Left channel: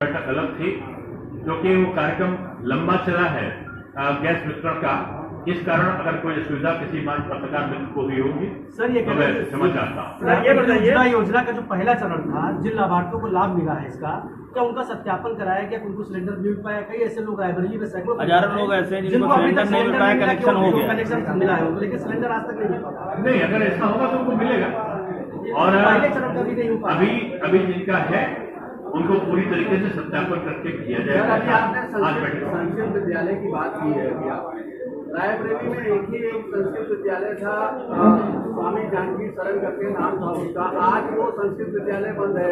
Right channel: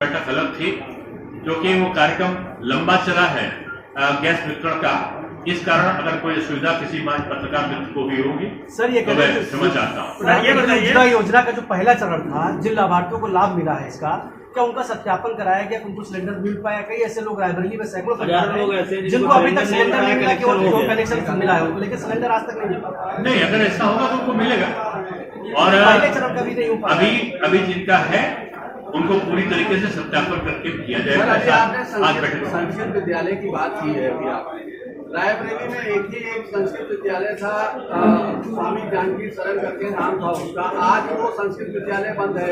बैठक अलग थी क्योंकि वो कार्यक्रम लंबा चला है गैस वितरण का। इस कारण अगर कोई असुविधा किसी पत्रकार मित्र को भी होगी सर, ये तो मैं क्षमा चाहता हूँ। ये बताइए, योजना का जो पहला चरण था, जिन लाभार्थियों को लाभ मिला है इसका, क्या उनका सत्यापन कराया गया? उनको सिलेंडर मिल पाया? कई ऐसे लोग रायबरेली में सैकड़ों हजारों लोग ऐसे हैं जिनको अभी तक सिलेंडर नहीं मिला, कनेक्शन हो गया, कनेक्शन मिला है, लेकिन सिलेंडर आज तक नहीं मिल पाया। नहीं, अगर ऐसा होगा तो उनको मिलेगा। और पहले चरण का भी नहीं हो पाया। अभी जिनका है उनको पूरी तरीके से सत्यापन करके किया जाएगा। आज बैठक संस्कृत विद्यालय की बात की है अभी आप रायबरेली में एक संस्कृत विद्यालय था, स्वामी जानकी शरण करके नाम था उसका। आज वो संस्कृत विद्यालय बंद है,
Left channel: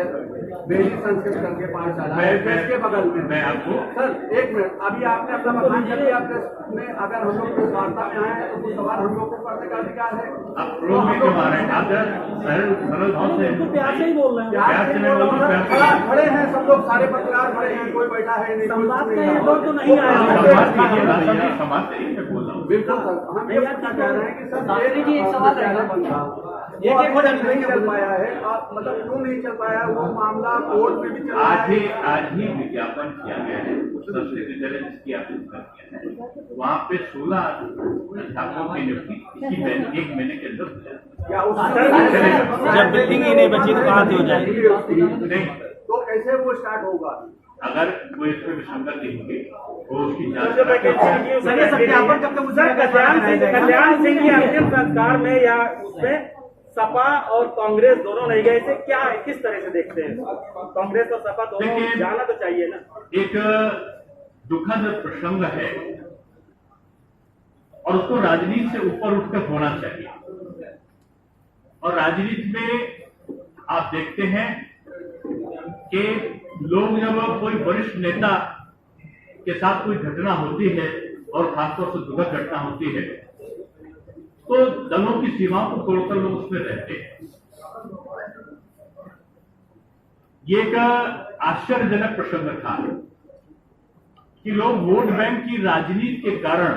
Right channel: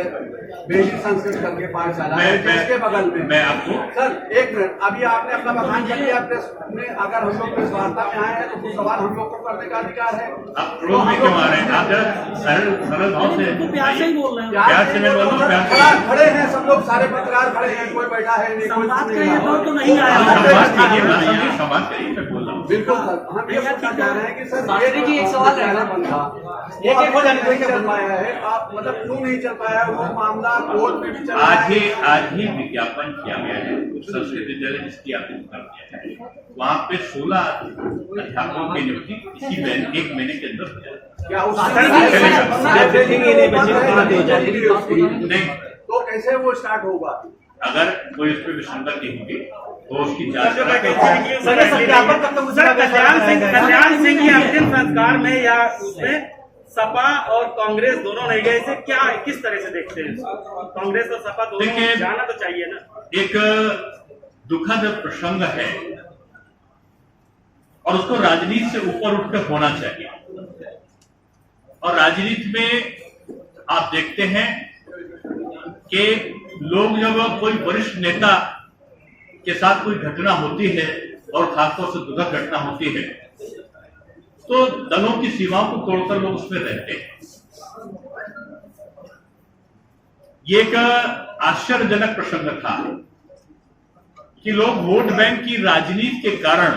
बेली संस्कृत करके पाठशाला है जिसके बगल में। मैं आपको सर एक मिनट, अभी आपने अपना बखान कर लिया प्रेस में। अगर हम लोग प्रेस वार्ता में आए हैं तो कुछ सवाल हम लोग को करने का अधिकार है। आप क्रोध में क्यों आ रहे हैं? आप जरा सरल भाव से प्यार से ही बोल रहे हैं। प्यार से मैं बोल रहा हूँ, प्यार से खड़े हैं सब लोग, सारे पत्रकार खड़े हैं, कोई बैठा है नहीं, संवाद कोई का ये दौर तो नहीं आया। संवाद करिए, मैं बोल रहा हूँ। बिल्कुल सर, हम ये पूछना चाह रहे हैं कि सर शास्त्री जी, एक सवाल रहेगा। एक हो जाने नहीं चल पाया है, आप मतलब क्यों नहीं चल पाया है? वो मामला कोर्ट में भी चल रहा है। आज ही विज्ञापन किया गया है संस्कृत विद्यालय जिसकी आपने कर किया है, वहाँ पे 16 अध्यापकों की नियुक्ति इसी एक महीने के अंदर हो जाएगी। क्या उस नहीं तो कैसे वो स्टार्ट होगा? अगर कोई इस पर विसंगति होगी तो उसकी जांच कल्याण सिंह की अंतिम संस्कार में या उसमें सपा और कांग्रेस दोनों नहीं गए, इसे क्या किस तरह से देखते हैं? कांग्रेस और सपा दोनों जाना तो चाहिए ना। एक दुखद प्रसंग है और उसको राजनीति से ऊपर उठकर होना चाहिए। और राजनीति में आप देखते हैं कि लोग जब कोई वरिष्ठ नेता के साथ कोई घटना होती है और खासतौर से दुखद घटना होती है तो दलों की सीमाओं को तोड़कर लोग उसमें रहते हैं। ये एक आश्चर्यजनक प्रसंग था कि लोग वोट बैंक की राजनीति के कारण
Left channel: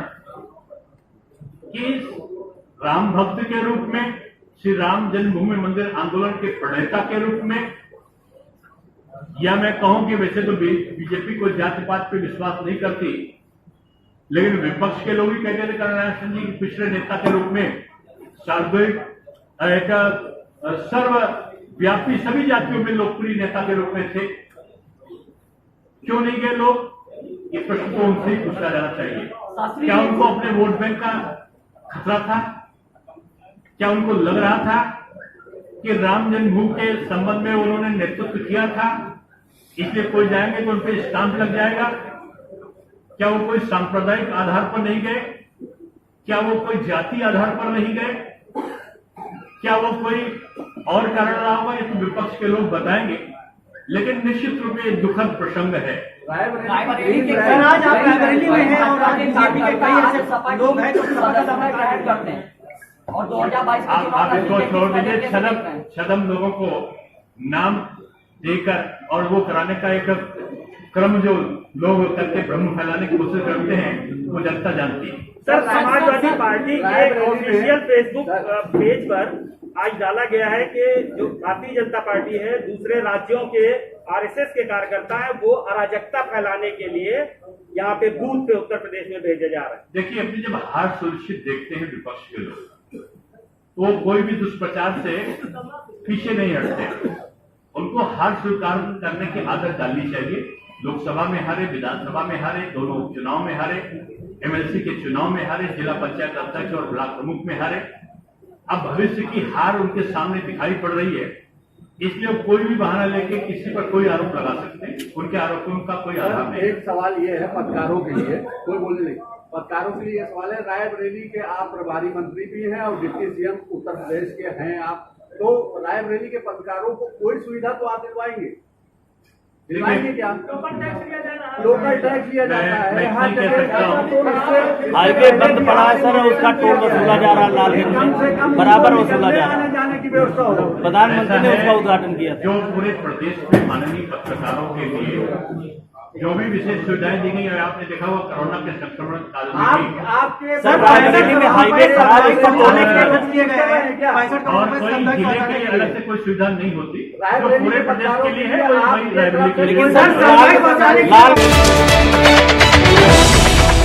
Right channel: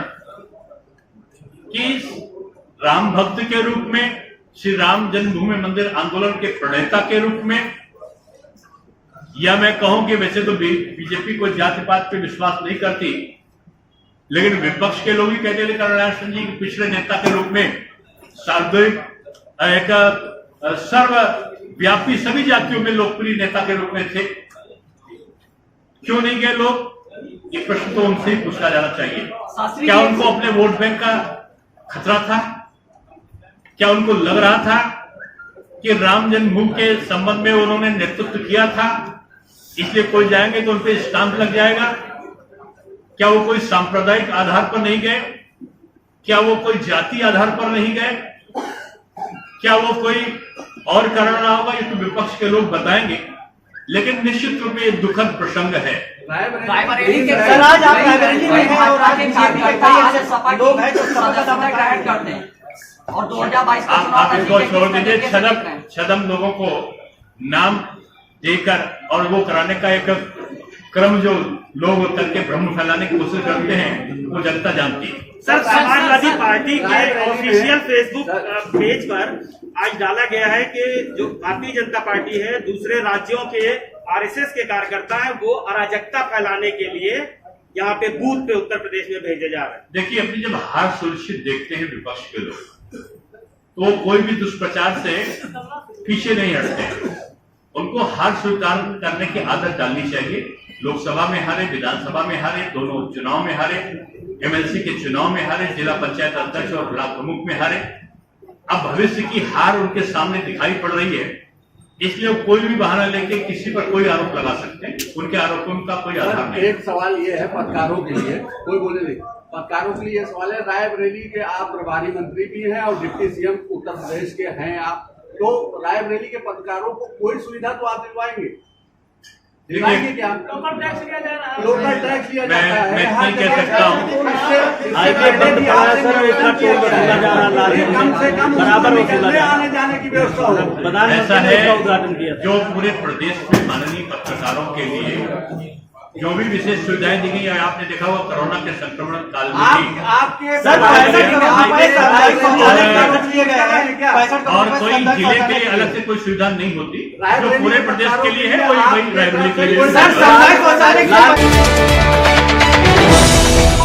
कि राम भक्त के रूप में, श्री राम जन्मभूमि मंदिर आंदोलन के प्रणेता के रूप में, या मैं कहूं कि वैसे तो बीजेपी कोई जाति पात पे विश्वास नहीं करती, लेकिन विपक्ष के लोग ही कहते हैं कल्याण सिंह जी पिछले नेता के रूप में सार्वजनिक एक सर्वव्यापी सभी जातियों में लोकप्रिय नेता के रूप में थे। क्यों नहीं गए लोग? ये प्रश्न तो उनसे ही पूछा जाना चाहिए। क्या उनको अपने वोट बैंक का खतरा था? क्या उनको लग रहा था कि राम जन्मभूमि के संबंध में उन्होंने नेतृत्व किया था इसलिए कोई जाएंगे तो उन पर स्टाम्प लग जाएगा? क्या वो कोई सांप्रदायिक आधार पर नहीं गए? क्या वो कोई जाति आधार पर नहीं गए? क्या वो कोई और कारण रहा होगा? ये तो विपक्ष के लोग बताएंगे, लेकिन निश्चित रूप में ये दुखद प्रसंग है। रायबरेली के सर, आज आप रायबरेली में हैं और आज बीजेपी सपा लोग हैं जो सदस्यता ग्रहण करते हैं और 2022 का चुनाव आप इसको छोड़ दीजिए। छदम लोगों को नाम देकर और वो कराने का एक क्रम जो लोग करके भ्रम फैलाने की कोशिश करते हैं वो जनता जानती है। सर, समाजवादी पार्टी के ऑफिशियल फेसबुक पेज पर आज डाला गया है कि जो भारतीय जनता पार्टी है दूसरे राज्यों के आरएसएस के कार्यकर्ता हैं वो अराजकता फैलाने के लिए यहाँ पे बूथ पे उत्तर प्रदेश में भेजे जा रहे हैं। देखिए, अपनी जब हार सुनिश्चित देखते हैं विपक्ष के लोग तो कोई भी दुष्प्रचार से पीछे नहीं हटते। उनको हार स्वीकार करने की आदत डालनी चाहिए। लोकसभा में हारे, विधानसभा में हारे, दोनों उपचुनाव में हारे, एमएलसी के चुनाव में हारे, जिला पंचायत अध्यक्ष और ब्लॉक प्रमुख में हारे। अब भविष्य की हार उनके सामने दिखाई पड़ रही है, इसलिए कोई भी बहाना लेके किसी पर कोई आरोप लगा सकते हैं। उनके आरोपों का कोई आधार नहीं। एक सवाल ये है पत्रकारों के लिए, कोई बोले नहीं, पत्रकारों के लिए यह सवाल है, रायबरेली के आप प्रभारी मंत्री भी हैं और डिप्टी सीएम उत्तर प्रदेश के हैं आप, तो रायबरेली के पत्रकारों को कोई सुविधा तो आप दिलवाएंगे क्या? लोकल टैक्स लिया जाता है। मैं नहीं कह सकता हूँ। हाईवे बंद पड़ा है सर, उसका टोल वसूला जा रहा है, बराबर वसूला जा रहा है। आने जाने की व्यवस्था हो। प्रधानमंत्री ने इसका उद्घाटन किया जो पूरे प्रदेश में माननीय पत्रकारों के लिए जो भी विशेष सुविधाएं दी गई है, आपने देखा हुआ कोरोना के संक्रमण काल में भी, आपके सर, 65 करोड़ रुपए सामुदायिक शौचालय के लिए खर्च किए गए हैं। 65 करोड़ और रुपए कोई सामुदायिक जिले के शौचालय लिए के अलग से कोई सुविधा नहीं होती, जो पूरे प्रदेश के लिए है वही रायबरेली के लिए सर, सामुदायिक शौचालय के लिए